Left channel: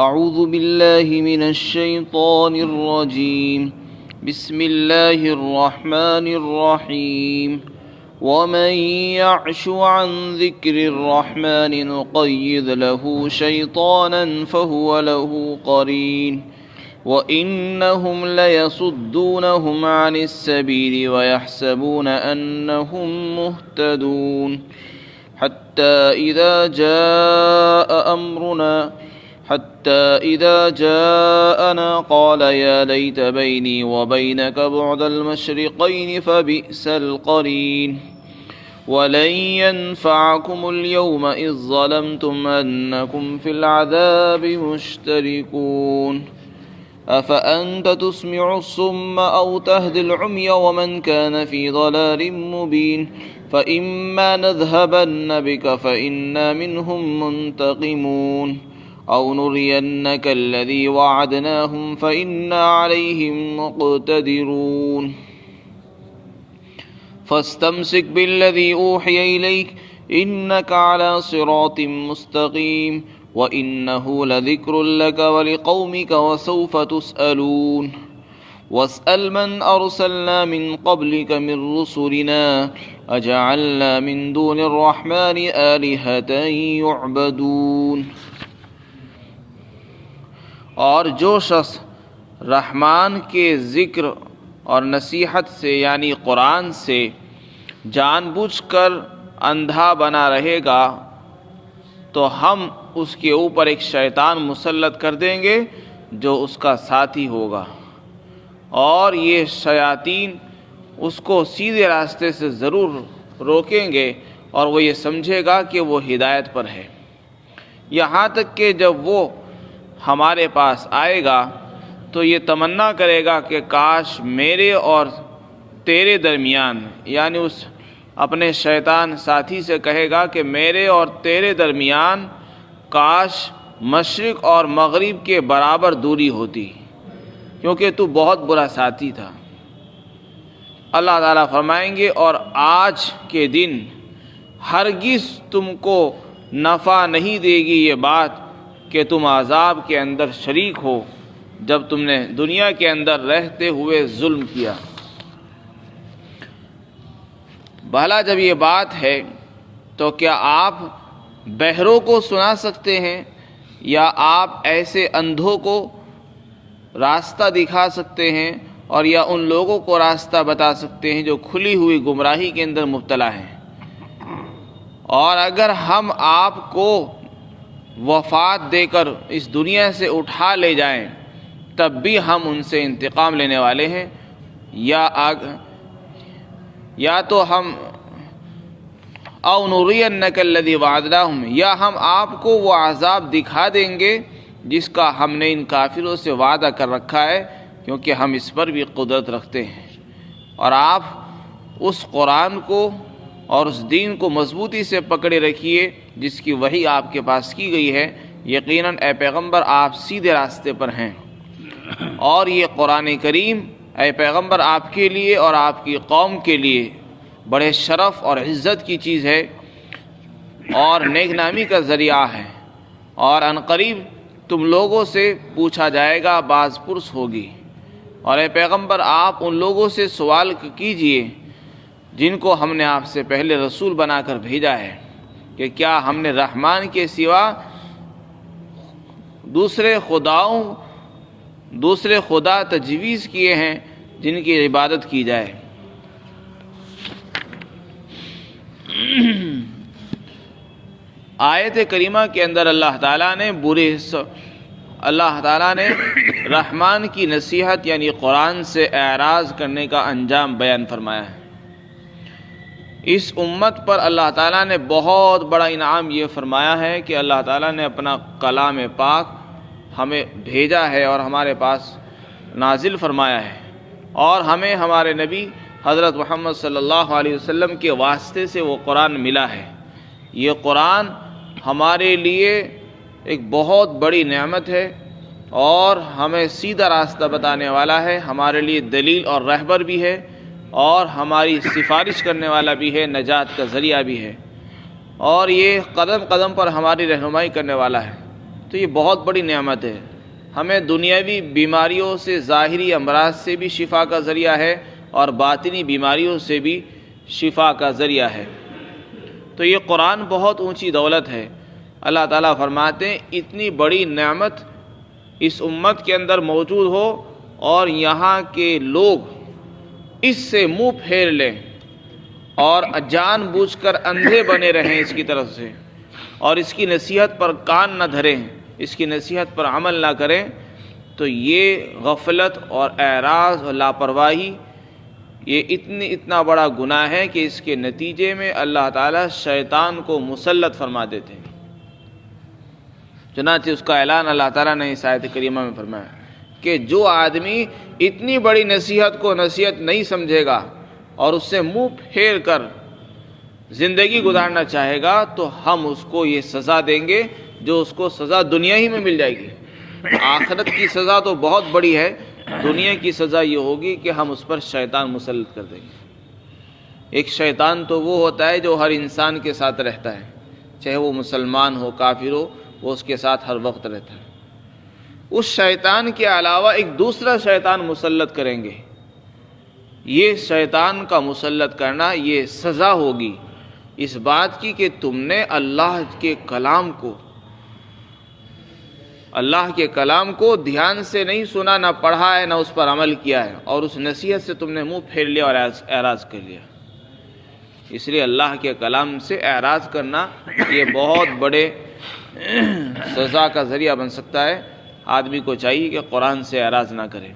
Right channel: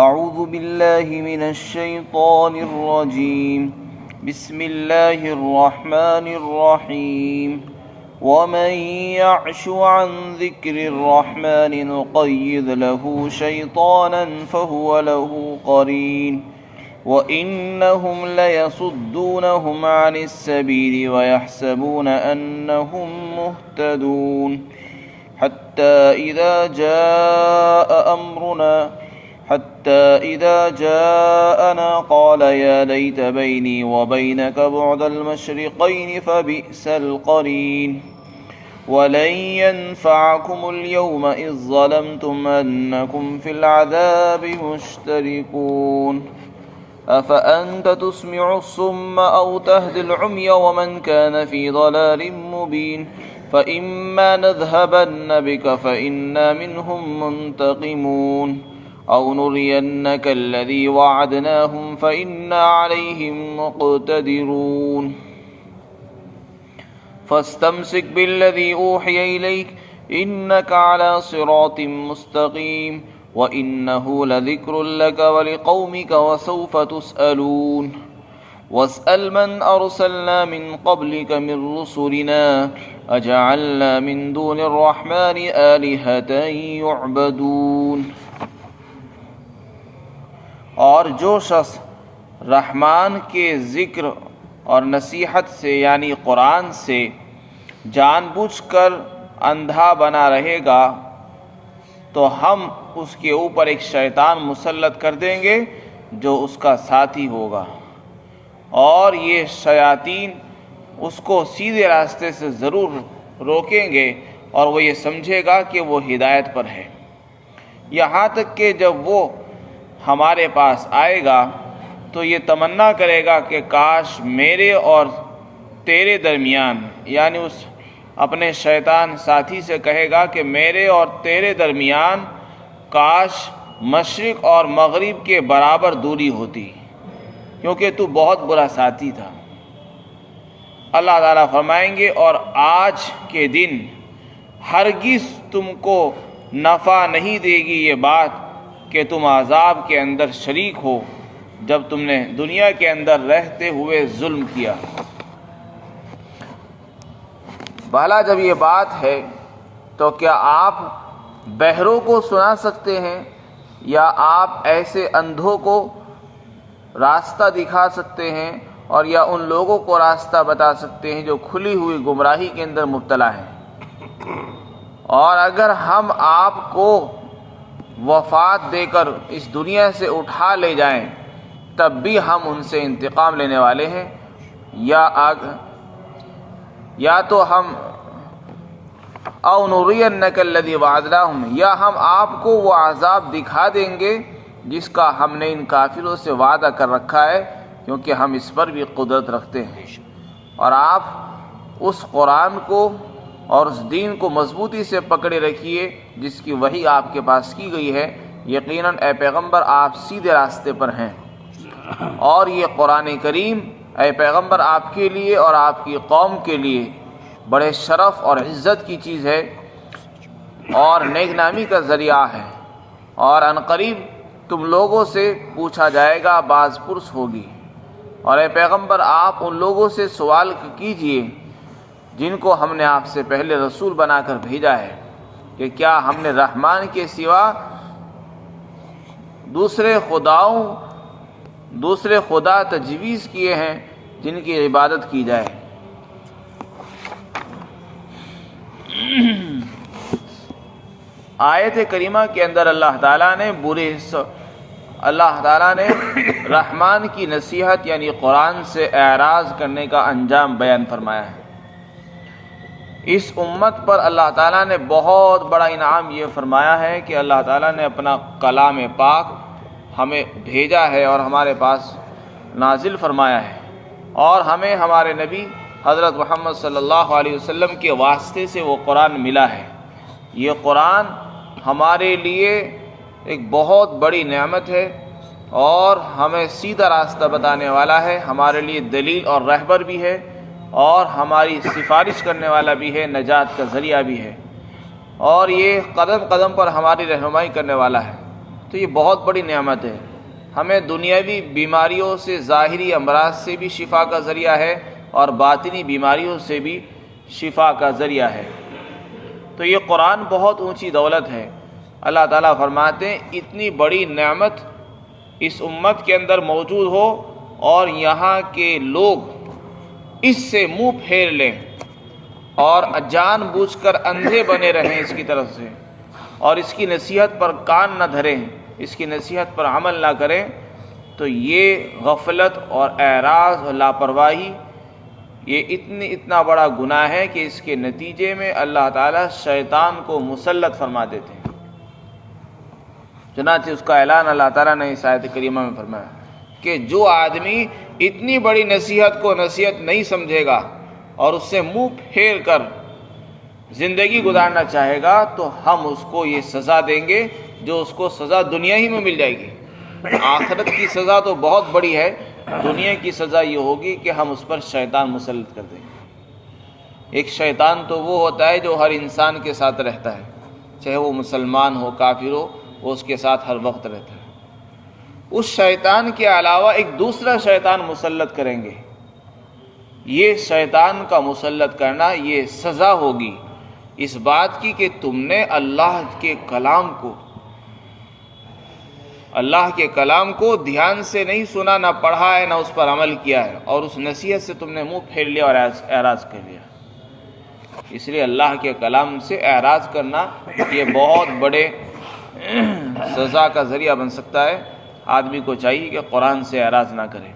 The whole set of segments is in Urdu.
اعوذ باللہ من الشیطان الرجیم بسم اللہ الرحمن الرحیم ومن يعش عن ذکر الرحمن نقید له شیطانا فهو له قرین وإنهم ليصدونهم عن السبيل ويحسبون أنهم مهتدون حتى إذا جاءنا قال يا ليت بيني وبينك بعد المشرقين فبئس القرين ولن ينفعكم اليوم إذ ظلمتم أنكم في العذاب مشتركون أفأنت تسمع الصم أو تهدي العمي ومن كان في ضلال مبين فإما نذهبن بك فإنا منهم منتقمون أو نرينك الذي وعدناهم فإنا عليهم مقتدرون فاستمسك بالذي أوحي إليك إنك على صراط مستقيم وَإِنَّهُ لَذِكْرٌ لَكَ وَلِقَوْمِكَ وَسَوْفَ تُسْأَلُونَ وَاسْأَلْ مَنْ أَرْسَلْنَا مِنْ قَبْلِكَ مِنْ رُسُلِنَا أَجَعَلْنَا مِنْ دُونِ الرَّحْمَنِ آلِهَةً يُعْبَدُونَ۔ اور جو شخص رحمان کے ذکر اور نصیحت سے یعنی قرآن سے جان بوجھ کر اندھا بنا رہے گا تو ہم اس کے اوپر ایک شیطان مسلط کر دیں گے جو اس کا ساتھی ہوگا، اور یہ شیاطین اس کو سیدھے راستے سے ضرور روکیں گے اور وہ یہ سمجھے گا کہ وہ ہدایت پر ہے، یہاں تک کہ جب وہ ہمارے پاس آئے گا تو یہ تمنا کرے گا کہ کاش میرے اور تیرے درمیان، یعنی اس اپنے شیطان ساتھی سے کہے گا کہ میرے اور تیرے درمیان کاش مشرق اور مغرب کے برابر دوری ہوتی، کیونکہ تو بہت برا ساتھی تھا۔ اللہ تعالیٰ فرمائیں گے اور آج کے دن ہرگز تم کو نفع نہیں دے گی یہ بات کہ تم عذاب کے اندر شریک ہو جب تم نے دنیا کے اندر رہتے ہوئے ظلم کیا۔ بھلا جب یہ بات ہے تو کیا آپ بہروں کو سنا سکتے ہیں یا آپ ایسے اندھوں کو راستہ دکھا سکتے ہیں اور یا ان لوگوں کو راستہ بتا سکتے ہیں جو کھلی ہوئی گمراہی کے اندر مبتلا ہیں؟ اور اگر ہم آپ کو وفات دے کر اس دنیا سے اٹھا لے جائیں تب بھی ہم ان سے انتقام لینے والے ہیں، یا تو ہم او نرینک الذی وعدناہم، یا ہم آپ کو وہ عذاب دکھا دیں گے جس کا ہم نے ان کافروں سے وعدہ کر رکھا ہے، کیونکہ ہم اس پر بھی قدرت رکھتے ہیں۔ اور آپ اس قرآن کو اور اس دین کو مضبوطی سے پکڑے رکھیے جس کی وحی آپ کے پاس کی گئی ہے، یقیناً اے پیغمبر آپ سیدھے راستے پر ہیں۔ اور یہ قرآن کریم اے پیغمبر آپ کے لیے اور آپ کی قوم کے لیے بڑے شرف اور عزت کی چیز ہے اور نیک نامی کا ذریعہ ہے، اور عنقریب تم لوگوں سے پوچھا جائے گا، باز پرس ہوگی۔ اور اے پیغمبر آپ ان لوگوں سے سوال کیجئے جن کو ہم نے آپ سے پہلے رسول بنا کر بھیجا ہے کہ کیا ہم نے رحمان کے سوا دوسرے خدا تجویز کیے ہیں جن کی عبادت کی جائے؟ آیت کریمہ کے اندر اللہ تعالیٰ نے رحمان کی نصیحت یعنی قرآن سے اعراض کرنے کا انجام بیان فرمایا ہے۔ اس امت پر اللہ تعالیٰ نے بہت بڑا انعام یہ فرمایا ہے کہ اللہ تعالیٰ نے اپنا کلام پاک ہمیں بھیجا ہے اور ہمارے پاس نازل فرمایا ہے، اور ہمیں ہمارے نبی حضرت محمد صلی اللہ علیہ وسلم کے واسطے سے وہ قرآن ملا ہے۔ یہ قرآن ہمارے لیے ایک بہت بڑی نعمت ہے اور ہمیں سیدھا راستہ بتانے والا ہے، ہمارے لیے دلیل اور رہبر بھی ہے اور ہماری سفارش کرنے والا بھی ہے، نجات کا ذریعہ بھی ہے، اور یہ قدم قدم پر ہماری رہنمائی کرنے والا ہے۔ تو یہ بہت بڑی نعمت ہے. ہمیں دنیاوی بیماریوں سے، ظاہری امراض سے بھی شفا کا ذریعہ ہے اور باطنی بیماریوں سے بھی شفا کا ذریعہ ہے. تو یہ قرآن بہت اونچی دولت ہے. اللہ تعالیٰ فرماتے ہیں اتنی بڑی نعمت اس امت کے اندر موجود ہو اور یہاں کے لوگ اس سے منہ پھیر لیں اور جان بوجھ کر اندھے بنے رہیں اس کی طرف سے، اور اس کی نصیحت پر کان نہ دھریں، اس کی نصیحت پر عمل نہ کریں، تو یہ غفلت اور اعراض اور لاپرواہی یہ اتنا بڑا گناہ ہے کہ اس کے نتیجے میں اللہ تعالیٰ شیطان کو مسلط فرما دیتے ہیں. چنانچہ اس کا اعلان اللہ تعالیٰ نے اس آیت کریمہ میں فرمایا کہ جو آدمی اتنی بڑی نصیحت کو نصیحت نہیں سمجھے گا اور اس سے منہ پھیر کر زندگی گزارنا چاہے گا تو ہم اس کو یہ سزا دیں گے جو اس کو سزا دنیا ہی میں مل جائے گی. آخرت کی سزا تو بہت بڑی ہے، دنیا کی سزا یہ ہوگی کہ ہم اس پر شیطان مسلط کر دیں گے. ایک شیطان تو وہ ہوتا ہے جو ہر انسان کے ساتھ رہتا ہے، چاہے وہ مسلمان ہو کافر ہو، وہ اس کے ساتھ ہر وقت رہتا ہے. اس شیطان کے علاوہ ایک دوسرا شیطان مسلط کریں گے. یہ شیطان کا مسلط کرنا یہ سزا ہوگی اس بات کی کہ تم نے اللہ کے کلام کو دھیان سے نہیں سنا، نہ پڑھا ہے، نہ اس پر عمل کیا ہے، اور اس نصیحت سے تم نے منہ پھیر لیا اور اعراض کر لیا. اس لیے اللہ کے کلام سے اعراض کرنا یہ بہت بڑے سزا کا ذریعہ بن سکتا ہے. آدمی کو چاہیے کہ قرآن سے اعراض نہ کرے،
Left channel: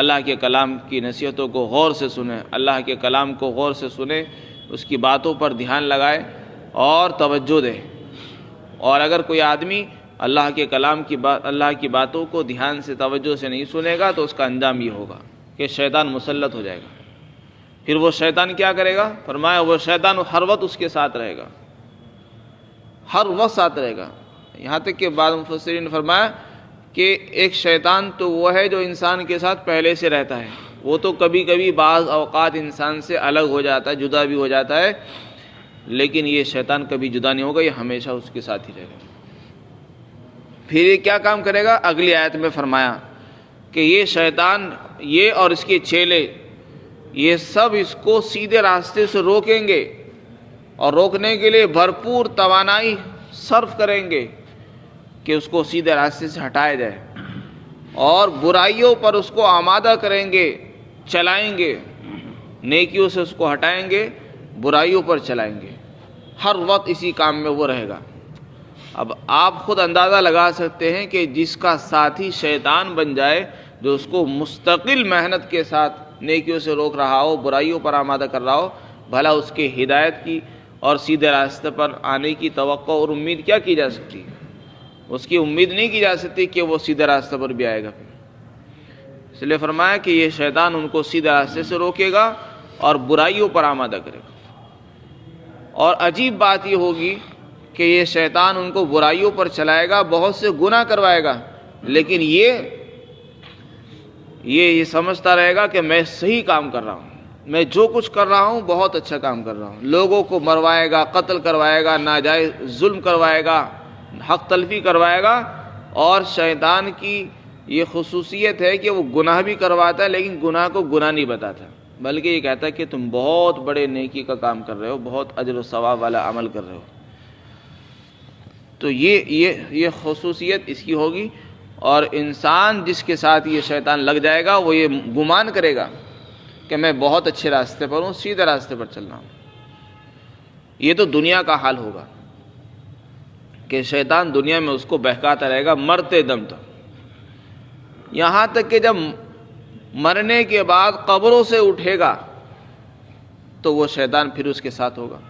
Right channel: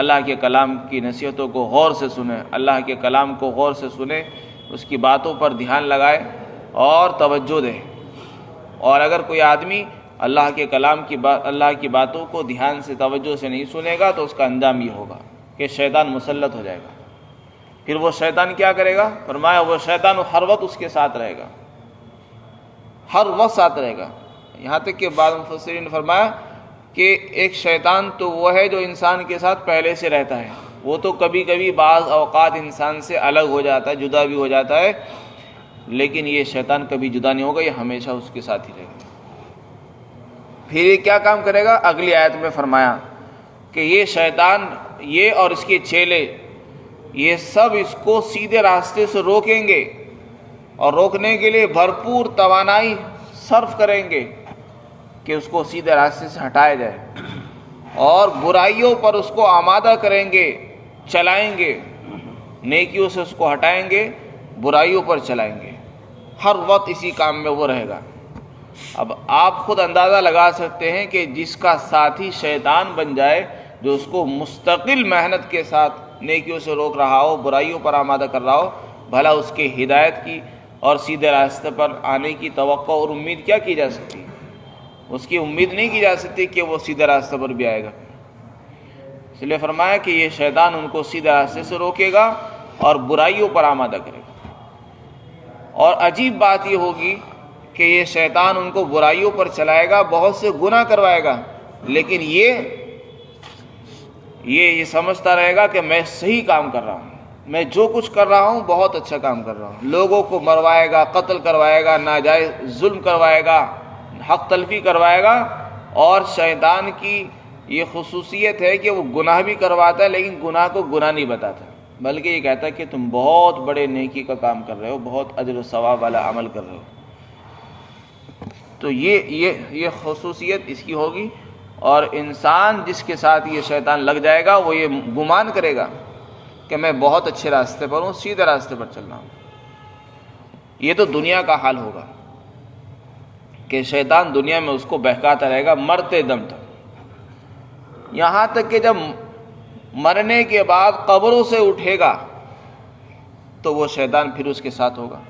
اللہ کے کلام کی نصیحتوں کو غور سے سنے، اللہ کے کلام کو غور سے سنے، اس کی باتوں پر دھیان لگائے اور توجہ دے. اور اگر کوئی آدمی اللہ کے کلام کی اللہ کی باتوں کو دھیان سے توجہ سے نہیں سنے گا تو اس کا انجام یہ ہوگا کہ شیطان مسلط ہو جائے گا. پھر وہ شیطان کیا کرے گا؟ فرمایا وہ شیطان ہر وقت اس کے ساتھ رہے گا، ہر وقت ساتھ رہے گا. یہاں تک کہ بعض مفسرین نے فرمایا کہ ایک شیطان تو وہ ہے جو انسان کے ساتھ پہلے سے رہتا ہے، وہ تو کبھی کبھی بعض اوقات انسان سے الگ ہو جاتا ہے، جدا بھی ہو جاتا ہے، لیکن یہ شیطان کبھی جدا نہیں ہوگا، یہ ہمیشہ اس کے ساتھ ہی رہے گا. پھر یہ کیا کام کرے گا؟ اگلی آیت میں فرمایا کہ یہ شیطان، یہ اور اس کے چیلے، یہ سب اس کو سیدھے راستے سے روکیں گے اور روکنے کے لیے بھرپور توانائی صرف کریں گے کہ اس کو سیدھے راستے سے ہٹایا جائے، اور برائیوں پر اس کو آمادہ کریں گے، چلائیں گے، نیکیوں سے اس کو ہٹائیں گے، برائیوں پر چلائیں گے. ہر وقت اسی کام میں وہ رہے گا. اب آپ خود اندازہ لگا سکتے ہیں کہ جس کا ساتھی شیطان بن جائے، جو اس کو مستقل محنت کے ساتھ نیکیوں سے روک رہا ہو، برائیوں پر آمادہ کر رہا ہو، بھلا اس کے ہدایت کی اور سیدھے راستے پر آنے کی توقع اور امید کیا کی جا سکتی ہے؟ اس کی امید نہیں کی جا سکتی کہ وہ سیدھے راستے پر بھی آئے گا. اس لیے فرمایا کہ یہ شیطان ان کو سیدھے راستے سے روکے گا اور برائیوں پر آمادہ کرے گا. اور عجیب بات یہ ہوگی کہ یہ شیطان ان کو برائیوں پر چلائے گا، بہت سے گناہ کروائے گا، لیکن یہ سمجھتا رہے گا کہ میں صحیح کام کر رہا ہوں، میں جو کچھ کر رہا ہوں بہت اچھا کام کر رہا ہوں. لوگوں کو مروائے گا، قتل کروائے گا، ناجائز ظلم کروائے گا، حق تلفی کروائے گا. اور شیطان کی یہ خصوصیت ہے کہ وہ گناہ بھی کرواتا ہے، لیکن گناہ کو گناہ نہیں بتاتا، بلکہ یہ کہتا ہے کہ تم بہت بڑے نیکی کا کام کر رہے ہو، بہت اجر و ثواب والا عمل کر رہے ہو. تو یہ خصوصیت اس کی ہوگی. اور انسان جس کے ساتھ یہ شیطان لگ جائے گا وہ یہ گمان کرے گا کہ میں بہت اچھے راستے پر ہوں، سیدھے راستے پر چل رہا ہوں. یہ تو دنیا کا حال ہوگا کہ شیطان دنیا میں اس کو بہکاتا رہے گا مرتے دم تک، یہاں تک کہ جب مرنے کے بعد قبروں سے اٹھے گا تو وہ شیطان پھر اس کے ساتھ ہوگا،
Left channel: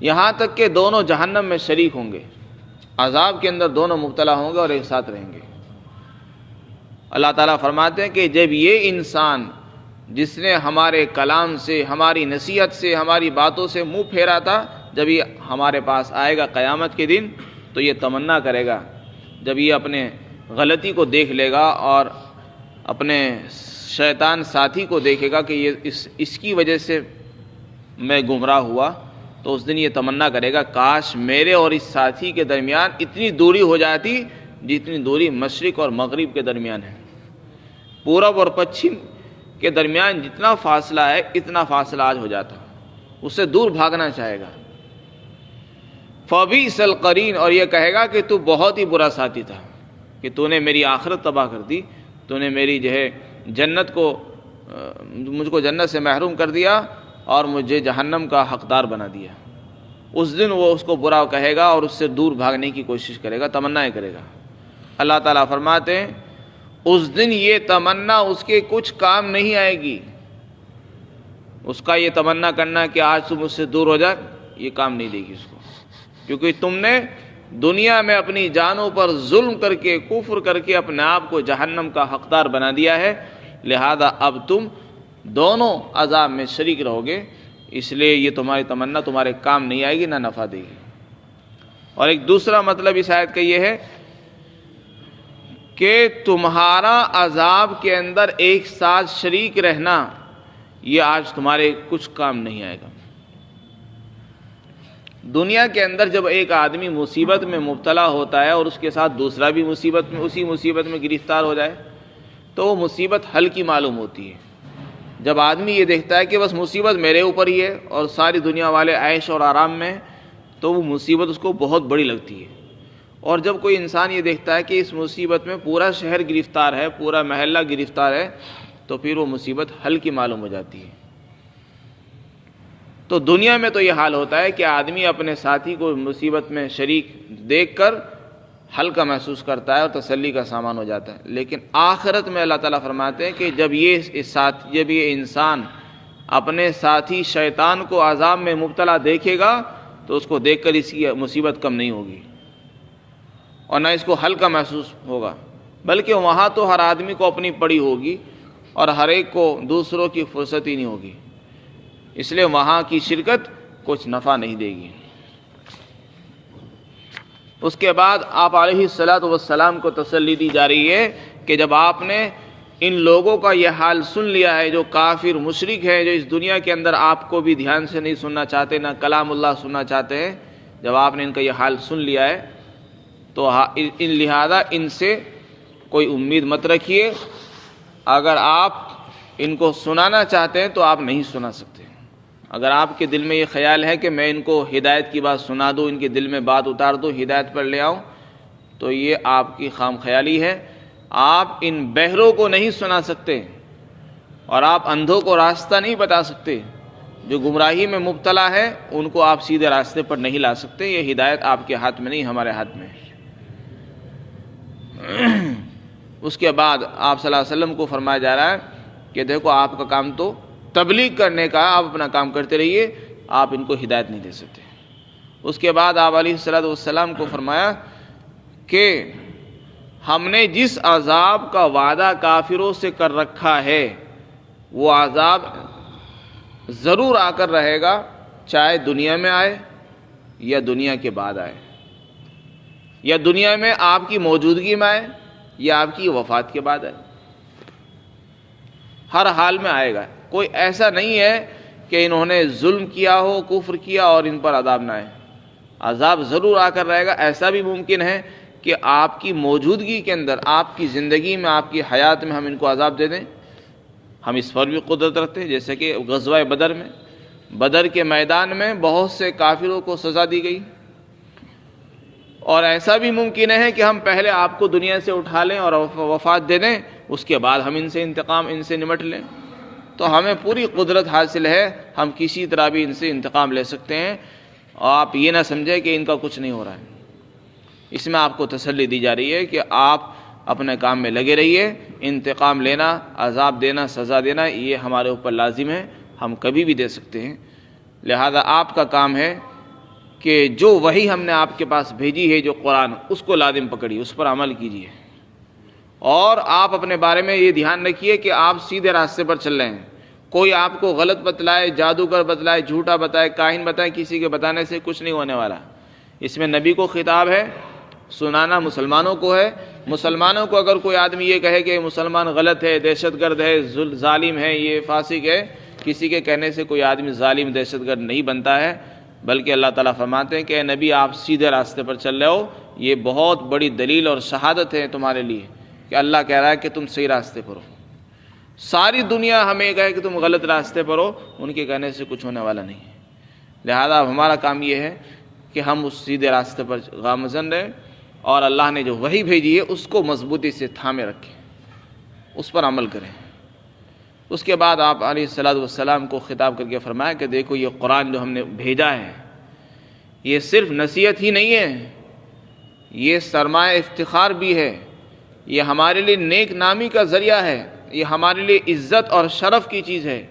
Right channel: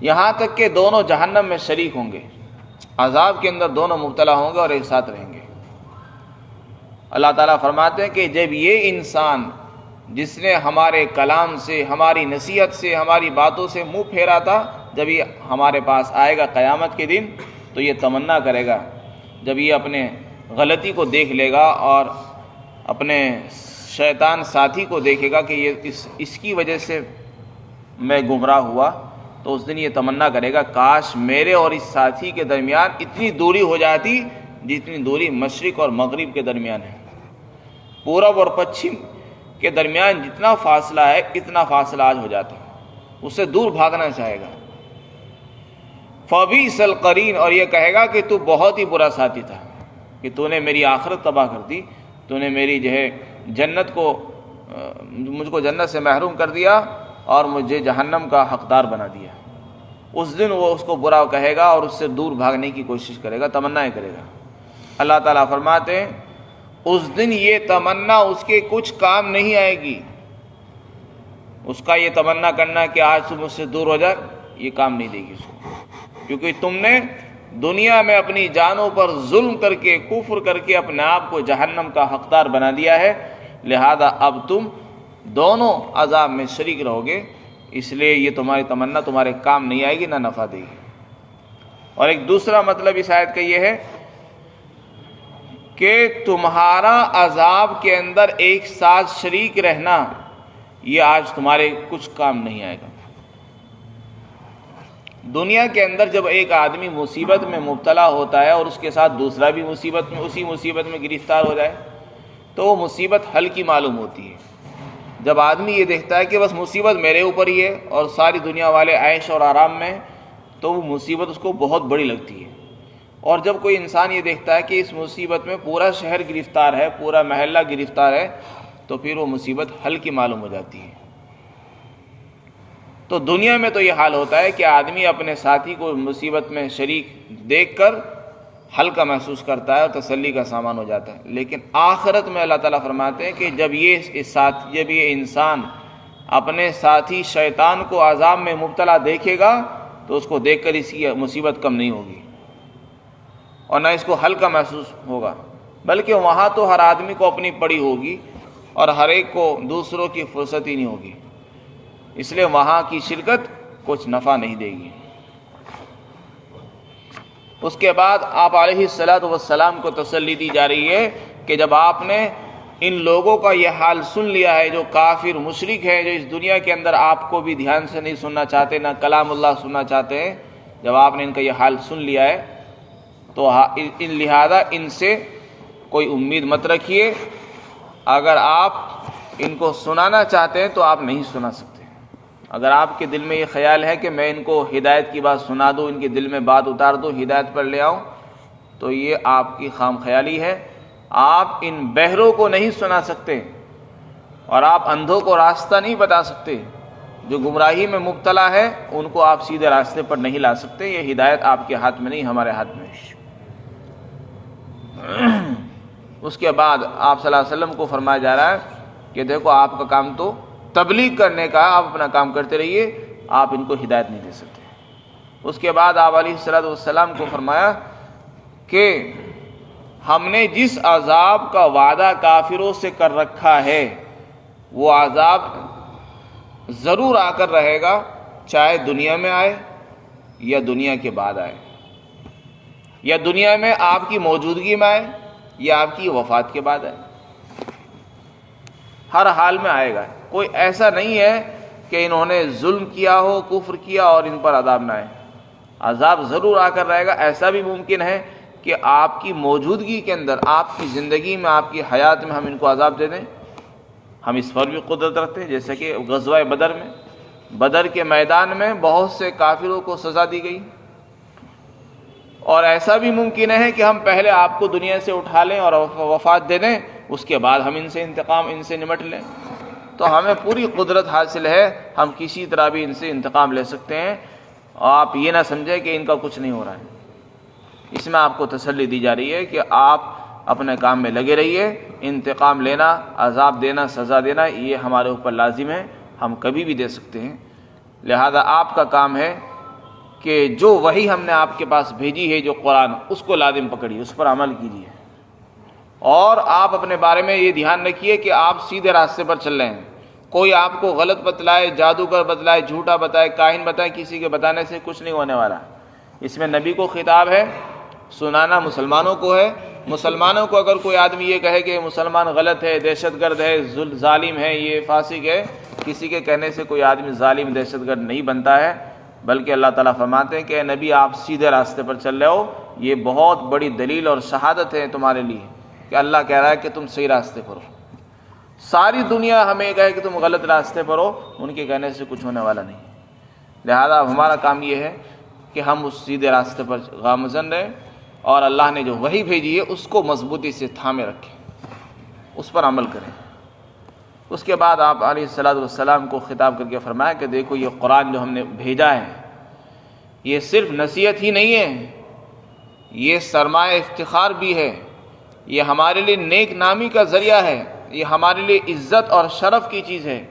یہاں تک کہ دونوں جہنم میں شریک ہوں گے، عذاب کے اندر دونوں مبتلا ہوں گے اور ایک ساتھ رہیں گے. اللہ تعالیٰ فرماتے ہیں کہ جب یہ انسان جس نے ہمارے کلام سے، ہماری نصیحت سے، ہماری باتوں سے منہ پھیرا تھا، جب یہ ہمارے پاس آئے گا قیامت کے دن تو یہ تمنا کرے گا، جب یہ اپنے غلطی کو دیکھ لے گا اور اپنے شیطان ساتھی کو دیکھے گا کہ یہ اس کی وجہ سے میں گمراہ ہوا، تو اس دن یہ تمنا کرے گا کاش میرے اور اس ساتھی کے درمیان اتنی دوری ہو جاتی جتنی دوری مشرق اور مغرب کے درمیان ہے. پورب اور پچھم کے درمیان جتنا فاصلہ ہے اتنا فاصلہ آج ہو جاتا، اس سے دور بھاگنا چاہے گا. فبئس القرین، اور یہ کہے گا کہ تو بہت ہی برا ساتھی تھا کہ تو نے میری آخرت تباہ کر دی، تو نے میری مجھ کو جنت سے محروم کر دیا اور مجھے جہنم کا حقدار بنا دیا. اس دن وہ اس کو برا کہے گا اور اس سے دور بھاگنے کی کوشش کرے گا، تمنا کرے گا. اللہ تعالیٰ فرماتے ہیں اس دن یہ تمنا اس کے کچھ کام نہیں آئے گی. اس کا یہ تمنا کرنا کہ آج تم مجھ سے دور ہو جائے، یہ کام نہیں دے گی اس کو، کیونکہ تم نے دنیا میں اپنی جانوں پر ظلم کر کے، کفر کر کے اپنے آپ کو جہنم کا حقدار بنا دیا ہے. لہذا اب تم دونوں عذاب میں شریک رہو گے، اس لیے یہ تمہاری تمنا تمہارے کام نہیں آئے گی، نہ نفع دے گی. اور ایک دوسرا مطلب اس آیت کا یہ ہے کہ تمہارا عذاب کے اندر ایک ساتھ شریک رہنا یہ آج تمہارے کچھ کام نہیں آئے گا. دنیا کے اندر جب ایک آدمی مصیبت میں مبتلا ہوتا ہے اور اس کے ساتھ دوسرا بھی اسی مصیبت میں گرفتار ہو جائے تو وہ مصیبت ہلکی معلوم ہوتی ہے. جب آدمی یہ دیکھتا ہے کہ بس مصیبت میرے اوپر ہی ہے اور ساری دنیا والے عیش اور آرام میں، تو وہ مصیبت اس کو بہت بڑی لگتی ہے. اور جب کوئی انسان یہ دیکھتا ہے کہ اس مصیبت میں پورا شہر گرفتار ہے، پورا محلہ گرفتار ہے، تو پھر وہ مصیبت ہلکی معلوم ہو جاتی ہے. تو دنیا میں تو یہ حال ہوتا ہے کہ آدمی اپنے ساتھی کو مصیبت میں شریک دیکھ کر ہلکا محسوس کرتا ہے اور تسلی کا سامان ہو جاتا ہے. لیکن آخرت میں اللہ تعالیٰ فرماتے ہیں کہ جب یہ انسان اپنے ساتھی شیطان کو عذاب میں مبتلا دیکھے گا تو اس کو دیکھ کر اس کی مصیبت کم نہیں ہوگی اور نہ اس کو ہلکا محسوس ہوگا، بلکہ وہاں تو ہر آدمی کو اپنی پڑی ہوگی اور ہر ایک کو دوسروں کی فرصت ہی نہیں ہوگی. اس لیے وہاں کی شرکت کچھ نفع نہیں دے گی. اس کے بعد آپ علیہ الصلاۃ والسلام کو تسلی دی جا رہی ہے کہ جب آپ نے ان لوگوں کا یہ حال سن لیا ہے جو کافر مشرک ہے، جو اس دنیا کے اندر آپ کو بھی دھیان سے نہیں سننا چاہتے، نہ کلام اللہ سننا چاہتے ہیں، جب آپ نے ان کا یہ حال سن لیا ہے تو لہذا ان سے کوئی امید مت رکھیے. اگر آپ ان کو سنانا چاہتے ہیں تو آپ نہیں سنا سکتے. اگر آپ کے دل میں یہ خیال ہے کہ میں ان کو ہدایت کی بات سنا دوں، ان کے دل میں بات اتار دوں، ہدایت پر لے آؤں، تو یہ آپ کی خام خیالی ہے. آپ ان بہروں کو نہیں سنا سکتے اور آپ اندھوں کو راستہ نہیں بتا سکتے. جو گمراہی میں مبتلا ہے ان کو آپ سیدھے راستے پر نہیں لا سکتے. یہ ہدایت آپ کے ہاتھ میں نہیں، ہمارے ہاتھ میں. اس کے بعد آپ صلی اللہ علیہ وسلم کو فرمایا جا رہا ہے کہ دیکھو آپ کا کام تو تبلیغ کرنے کا، آپ اپنا کام کرتے رہیے، آپ ان کو ہدایت نہیں دے سکتے. اس کے بعد آپ علیہ الصلوۃ والسلام کو فرمایا کہ ہم نے جس عذاب کا وعدہ کافروں سے کر رکھا ہے وہ عذاب ضرور آ کر رہے گا، چاہے دنیا میں آئے یا دنیا کے بعد آئے، یا دنیا میں آپ کی موجودگی میں آئے یا آپ کی وفات کے بعد آئے. ہر حال میں آئے گا. کوئی ایسا نہیں ہے کہ انہوں نے ظلم کیا ہو، کفر کیا اور ان پر عذاب نہ آئے. عذاب ضرور آ کر رہے گا. ایسا بھی ممکن ہے کہ آپ کی موجودگی کے اندر، آپ کی زندگی میں، آپ کی حیات میں ہم ان کو عذاب دے دیں. ہم اس پر بھی قدرت رکھتے ہیں، جیسے کہ غزوہ بدر میں، بدر کے میدان میں بہت سے کافروں کو سزا دی گئی. اور ایسا بھی ممکن ہے کہ ہم پہلے آپ کو دنیا سے اٹھا لیں اور وفات دے دیں، اس کے بعد ہم ان سے نمٹ لیں. تو ہمیں پوری قدرت حاصل ہے، ہم کسی طرح بھی ان سے انتقام لے سکتے ہیں. اور آپ یہ نہ سمجھیں کہ ان کا کچھ نہیں ہو رہا ہے. اس میں آپ کو تسلی دی جا رہی ہے کہ آپ اپنے کام میں لگے رہیے. انتقام لینا، عذاب دینا، سزا دینا یہ ہمارے اوپر لازم ہے، ہم کبھی بھی دے سکتے ہیں. لہذا آپ کا کام ہے کہ جو وحی ہم نے آپ کے پاس بھیجی ہے، جو قرآن، اس کو لازم پکڑیے، اس پر عمل کیجیے. اور آپ اپنے بارے میں یہ دھیان رکھیے کہ آپ سیدھے راستے پر چل رہے ہیں. کوئی آپ کو غلط بتلائے، جادوگر بتلائے، جھوٹا بتائے، کاہن بتائے، کسی کے بتانے سے کچھ نہیں ہونے والا. اس میں نبی کو خطاب ہے، سنانا مسلمانوں کو ہے. مسلمانوں کو اگر کوئی آدمی یہ کہے کہ مسلمان غلط ہے، دہشت گرد ہے، ظالم ہے، یہ فاسق ہے، کسی کے کہنے سے کوئی آدمی ظالم دہشت گرد نہیں بنتا ہے. بلکہ اللہ تعالیٰ فرماتے ہیں کہ اے نبی آپ سیدھے راستے پر چل رہے ہو، یہ بہت بڑی دلیل اور شہادت ہے تمہارے لیے کہ اللہ کہہ رہا ہے کہ تم صحیح راستے پر ہو۔ ساری دنیا ہمیں کہے کہ تم غلط راستے پر ہو، ان کے کہنے سے کچھ ہونے والا نہیں ہے۔ لہذا اب ہمارا کام یہ ہے کہ ہم اس سیدھے راستے پر گامزن رہیں اور اللہ نے جو وحی بھیجی ہے اس کو مضبوطی سے تھامے رکھیں، اس پر عمل کریں۔ اس کے بعد آپ علیہ الصلوۃ والسلام کو خطاب کر کے فرمایا کہ دیکھو یہ قرآن جو ہم نے بھیجا ہے یہ صرف نصیحت ہی نہیں ہے، یہ سرمایہ افتخار بھی ہے، یہ ہمارے لیے نیک نامی کا ذریعہ ہے، یہ ہمارے لیے عزت اور شرف کی چیز ہے۔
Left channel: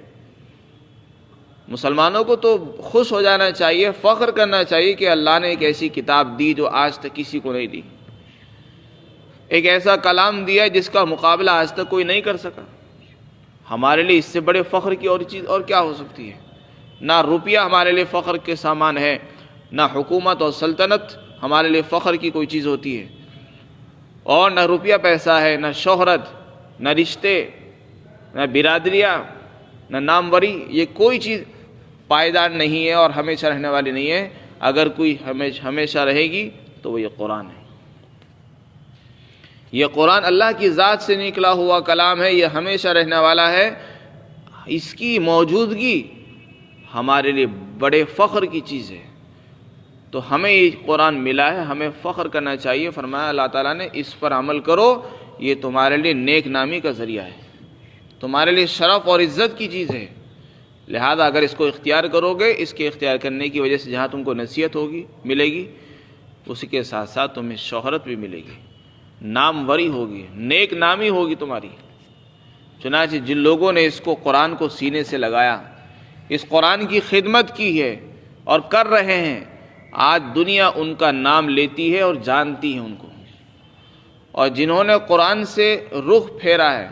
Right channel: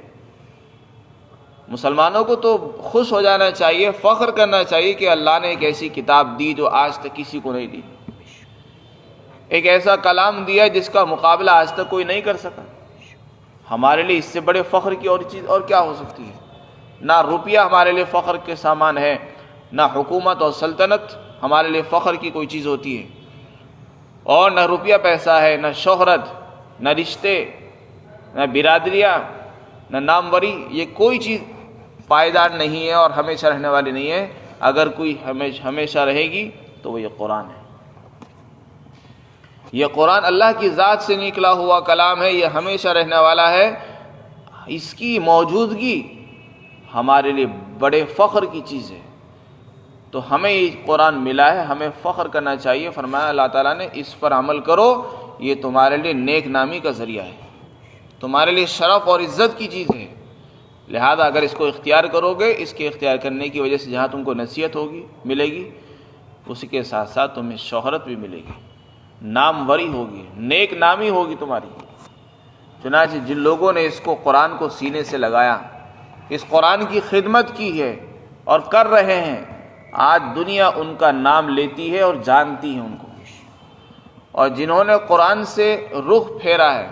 مسلمانوں کو تو خوش ہو جانا چاہیے، فخر کرنا چاہیے کہ اللہ نے ایک ایسی کتاب دی جو آج تک کسی کو نہیں دی، ایک ایسا کلام دیا جس کا مقابلہ آج تک کوئی نہیں کر سکا۔ ہمارے لیے اس سے بڑے فخر کی اور چیز اور کیا ہو سکتی ہے؟ نہ روپیہ ہمارے لیے فخر کے سامان ہے، نہ حکومت اور سلطنت ہمارے لیے فخر کی کوئی چیز ہوتی ہے، اور نہ روپیہ پیسہ ہے، نہ شہرت، نہ رشتے، نہ برادریاں، نہ ناموری، یہ کوئی چیز پائیدار نہیں ہے اور ہمیشہ رہنے والی نہیں ہے۔ اگر کوئی ہمیشہ رہے گی تو وہ یہ قرآن ہے۔ یہ قرآن اللہ کی ذات سے نکلا ہوا کلام ہے، یہ ہمیشہ رہنے والا ہے۔ اس کی موجودگی ہمارے لیے بڑے فخر کی چیز ہے، تو ہمیں یہ قرآن ملا ہے، ہمیں فخر کرنا چاہیے۔ فرمایا اللہ تعالیٰ نے اس پر عمل کرو، یہ تمہارے لیے نیک نامی کا ذریعہ ہے، تمہارے لیے شرف اور عزت کی چیز ہے۔ لہذا اگر اس کو اختیار کرو گے، اس کے اختیار کرنے کی وجہ سے جہاں تم کو نصیحت ہوگی ملے گی، اسی کے ساتھ ساتھ تمہیں شہرت بھی ملے گی، ناموری ہوگی، نیک نامی ہوگی تمہاری۔ چنانچہ جن لوگوں نے اس کو قرآن کو سینے سے لگایا، اس قرآن کی خدمت کی ہے اور کر رہے ہیں، آج دنیا ان کا نام لیتی ہے اور جانتی ہے ان کو، اور جنہوں نے قرآن سے رخ پھیرا ہے،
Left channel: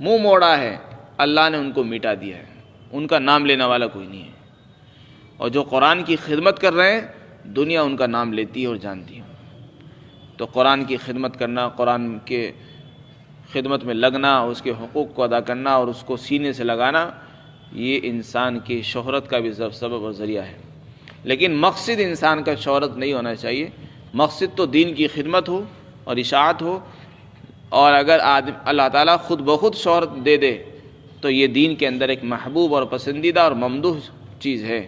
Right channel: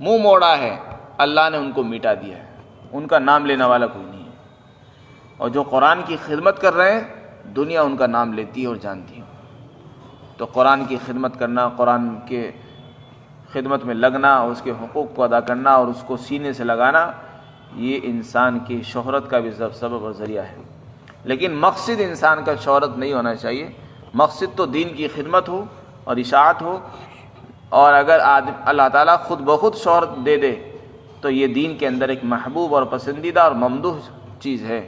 منہ موڑا ہے، اللہ نے ان کو مٹا دیا ہے، ان کا نام لینے والا کوئی نہیں ہے۔ اور جو قرآن کی خدمت کر رہے ہیں، دنیا ان کا نام لیتی ہے اور جانتی ہے۔ تو قرآن کی خدمت کرنا، قرآن کے خدمت میں لگنا، اس کے حقوق کو ادا کرنا اور اس کو سینے سے لگانا، یہ انسان کی شہرت کا بھی سبب اور ذریعہ ہے۔ لیکن مقصد انسان کا شہرت نہیں ہونا چاہیے، مقصد تو دین کی خدمت ہو اور اشاعت ہو، اور اگر اللہ تعالیٰ خود بخود شہرت دے دے تو یہ دین کے اندر ایک محبوب اور پسندیدہ اور ممدوح چیز ہے۔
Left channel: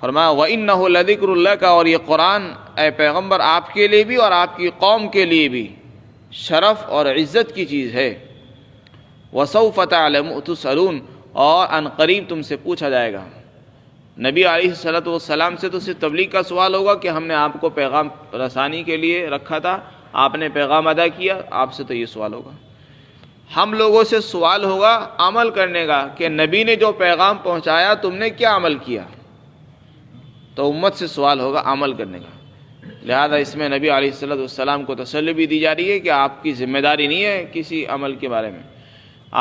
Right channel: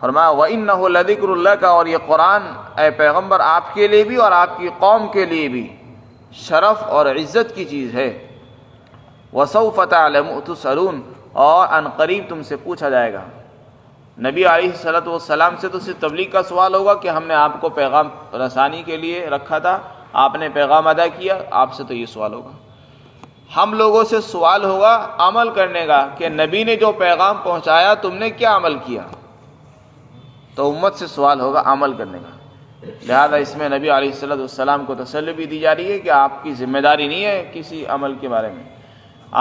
فرمایا وَإِنَّهُ لَذِكْرٌ لَكَ، اور یہ قرآن اے پیغمبر آپ کے لیے بھی اور آپ کی قوم کے لیے بھی شرف اور عزت کی چیز ہے۔ وَسَوْفَ تُسْأَلُونَ، اور ان قریب تم سے پوچھا جائے گا۔ نبی علیہ السلام سے تو صرف تبلیغ کا سوال ہوگا کہ ہم نے آپ کو پیغام رسانی کے لیے رکھا تھا، آپ نے پیغام ادا کیا، آپ سے تو یہ سوال ہوگا۔ ہم لوگوں سے سوال ہوگا عمل کرنے کا کہ نبی نے جو پیغام پہنچایا تم نے کیا عمل کیا، تو امت سے سوال ہوگا عمل کرنے کا۔ لہذا اس میں نبی علیہ السلام کو تسلی بھی دی جا رہی ہے کہ آپ کی ذمہ داری نہیں ہے کسی عمل کے بارے میں،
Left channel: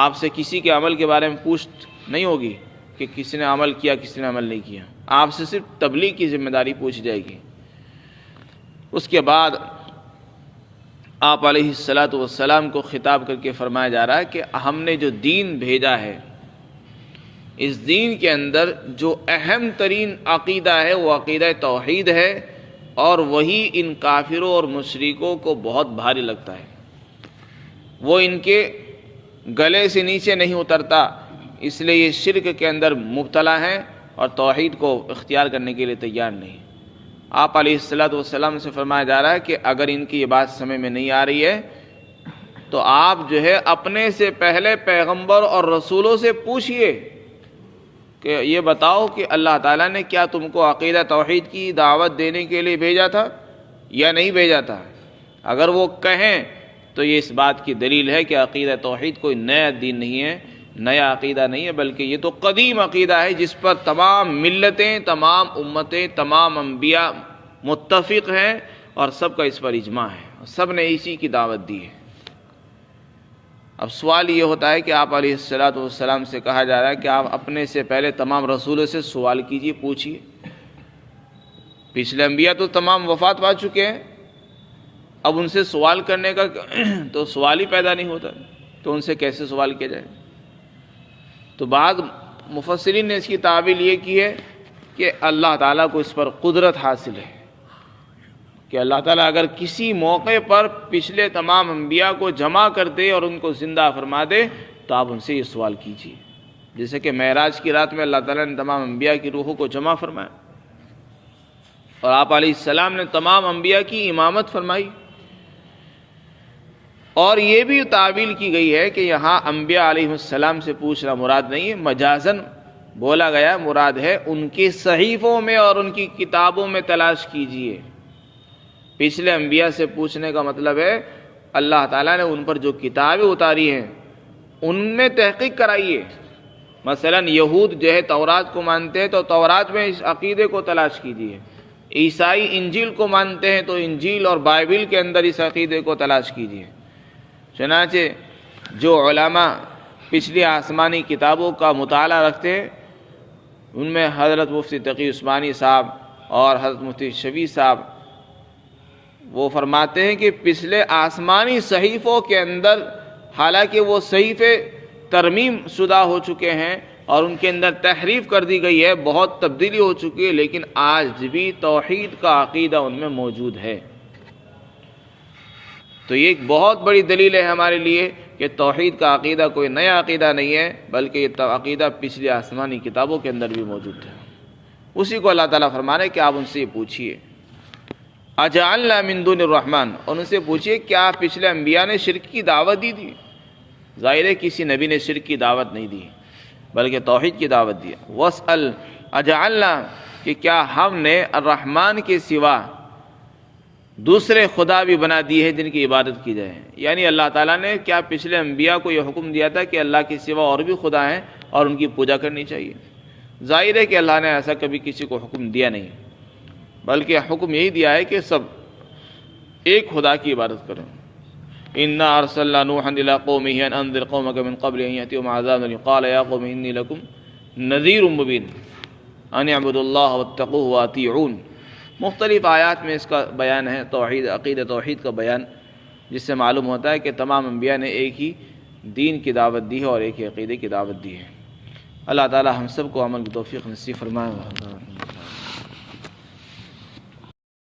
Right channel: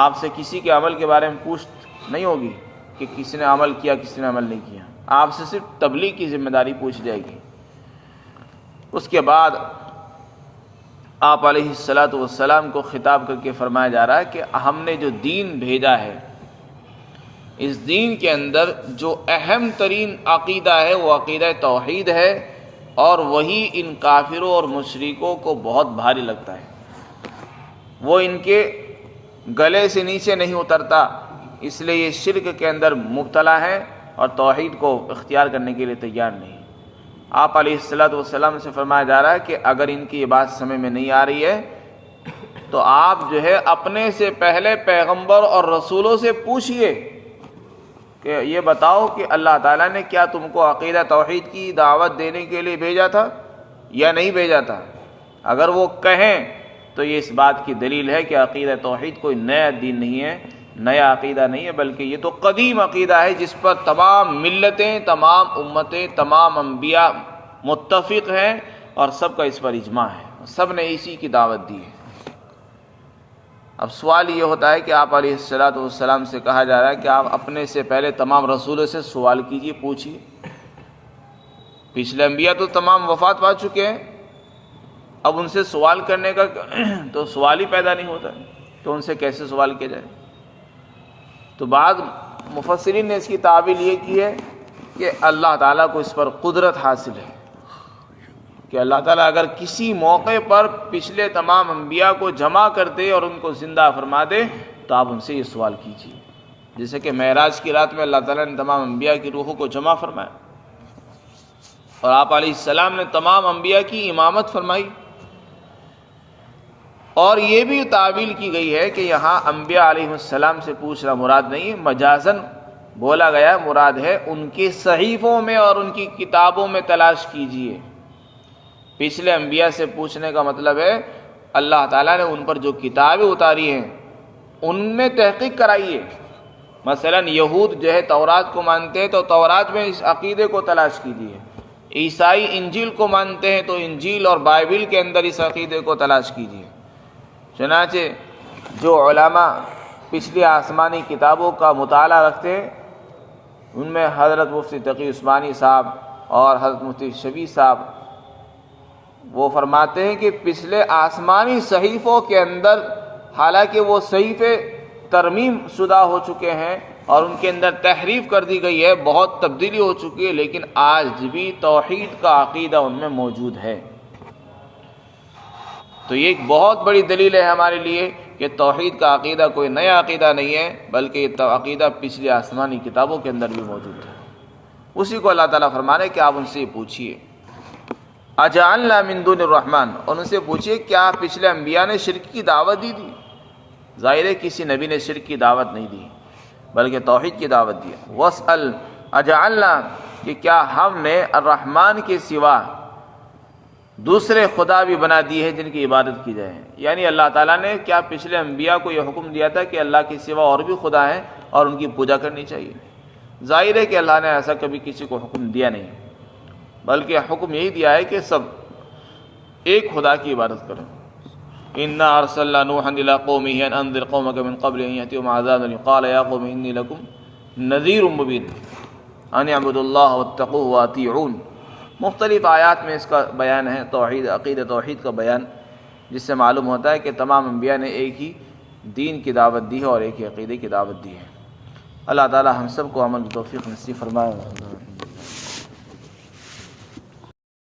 آپ سے کسی کے عمل کے بارے میں پوچھ نہیں ہوگی کہ کسی نے عمل کیا کسی نے عمل نہیں کیا، آپ سے صرف تبلیغ کی ذمہ داری پوچھی جائے گی۔ اس کے بعد آپ علیہ السلام کو خطاب کر کے فرمایا جا رہا ہے کہ ہم نے جو دین بھیجا ہے، اس دین کے اندر جو اہم ترین عقیدہ ہے وہ عقیدہ توحید ہے، اور وہی ان کافروں اور مشرکوں کو بہت بھاری لگتا ہے، وہ ان کے گلے سے نیچے نہیں اترتا، اس لیے یہ شرک کے اندر مبتلا ہے اور توحید کو اختیار کرنے کے لیے تیار نہیں۔ آپ علیہ السلام سے فرمایا جا رہا ہے کہ اگر ان کی یہ بات سمجھ میں نہیں آ رہی ہے تو آپ جو ہے اپنے سے پہلے پیغمبر اور رسولوں سے پوچھئے کہ یہ بتاؤ کہ اللہ تعالیٰ نے کیا تم کو عقیدہ توحید کی دعوت دینے کے لیے بھیجا تھا یا نہیں بھیجا تھا۔ اگر وہ کہیں تو یہ اس بات کی دلیل ہے کہ عقیدہ توحید کوئی نیا دین نہیں ہے، نیا عقیدہ نہیں ہے، بلکہ یہ تو قدیم عقیدہ ہے جس پر تمام ملتیں، تمام امتیں، تمام انبیاء متفق ہیں اور سب کا اس پر اجماع ہے، سب نے اسی کی دعوت دی ہے۔ اب سوال یہ ہوتا ہے کہ آپ علیہ السلام سے کہا جا رہا ہے کہ آپ اپنے سے پہلے تمام رسولوں سے سوال کیجئے، پوچھئے۔ پچھلے انبیاء تو تمام وفات پا چکے ہیں، اب ان سے سوال کرنے کا تو سوال ہی پیدا نہیں ہوتا، تو ان سے کیسے سوال کیا جائے؟ تو بعض مفسرین نے اس کی تعبیر یہ کی ہے کہ اللہ تعالیٰ کو اس پر قدرت حاصل ہے کہ اللہ تعالیٰ اگر کسی موقع پر پچھلے تمام انبیاء کو جمع کر دے اور ان کو زندہ فرما دے تو آپ ان سے یہ سوال کیجیے، جیسے کہ معراج کی رات میں اللہ تعالیٰ نے تمام انبیاء کی روحوں کو جمع فرمایا اور آپ علیہ السلام نے تمام انبیاء کی امامت فرمائی، اور یہ بھی تعویل کی گئی ہے کہ یہاں انبیاء علیہ السلام سے پوچھنا مراد نہیں ہے، مجازن بولا گیا مراد ہے ان کے صحیفوں میں اور ان کی کتابوں میں تلاش کیجیے۔ پچھلے انبیاء سے پوچھنے کا مطلب ہے اللہ تعالیٰ نے ان پر جو کتابیں اتاری ہیں ان میں تحقیق کرائیے۔ مثلا یہود جو ہے تورات کو مانتے ہیں تو تورات میں اس عقیدے کو تلاش کیجیے، عیسائی انجیل کو مانتے ہیں تو انجیل اور بائبل کے اندر اس عقیدے کو تلاش کیجیے۔ چنانچہ جو علماء پچھلی آسمانی کتابوں کا مطالعہ رکھتے ہیں ان میں حضرت مفتی تقی عثمانی صاحب اور حضرت مفتی شفیع صاحب وہ فرماتے ہیں کہ پچھلے آسمانی صحیفوں کے اندر حالانکہ وہ صحیفے ترمیم شدہ ہو چکے ہیں اور ان کے اندر تحریف کر دی گئی ہے، بہت تبدیلی ہو چکی ہے، لیکن آج بھی توحید کا عقیدہ ان میں موجود ہے۔ تو یہ ایک بہت بڑی دلیل ہے ہمارے لیے کہ توحید کا عقیدہ کوئی نیا عقیدہ نہیں ہے، بلکہ یہ عقیدہ پچھلی آسمانی کتابوں کے اندر بھی موجود ہے۔ اسی کو اللہ تعالیٰ فرمانے کہ آپ ان سے یہ پوچھیے اجعلنا من دون الرحمن، اور ان سے پوچھیے کیا پچھلے انبیاء نے شرک کی دعوت دی تھی؟ ظاہر ہے کسی نبی نے شرک کی دعوت نہیں دی بلکہ توحید کی دعوت دی۔ واسأل اجعلنا، کہ کیا ہم نے الرحمن کے سوا دوسرے خدا بھی بنا دیے ہیں جن کی عبادت کی جائے؟ یعنی اللہ تعالیٰ نے کیا پچھلے انبیاء کو یہ حکم دیا تھا کہ اللہ کے سوا اور بھی خدا ہیں اور ان کی پوجا کرنی چاہیے؟ ظاہر ہے کہ اللہ نے ایسا کبھی کسی کو حکم دیا نہیں، بلکہ حکم یہی دیا ہے کہ سب ایک خدا کی عبادت کریں۔ انا ارسلنا نوحا الى قومه ان انذر قومك من قبل ان ياتيهم عذاب قال يا قوم اني لكم نذير مبين ان اعبدوا الله واتقوه واطيعون۔ مختلف آیات میں اس کا بیان ہے، توحید عقیدہ توحید کا بیان، جس سے معلوم ہوتا ہے کہ تمام انبیاء نے ایک ہی دین کی دعوت دی ہے اور ایک ہی عقیدے کی دعوت دی ہے۔ اللہ تعالی ہم سب کو عمل کی توفیق نصیب فرمائے۔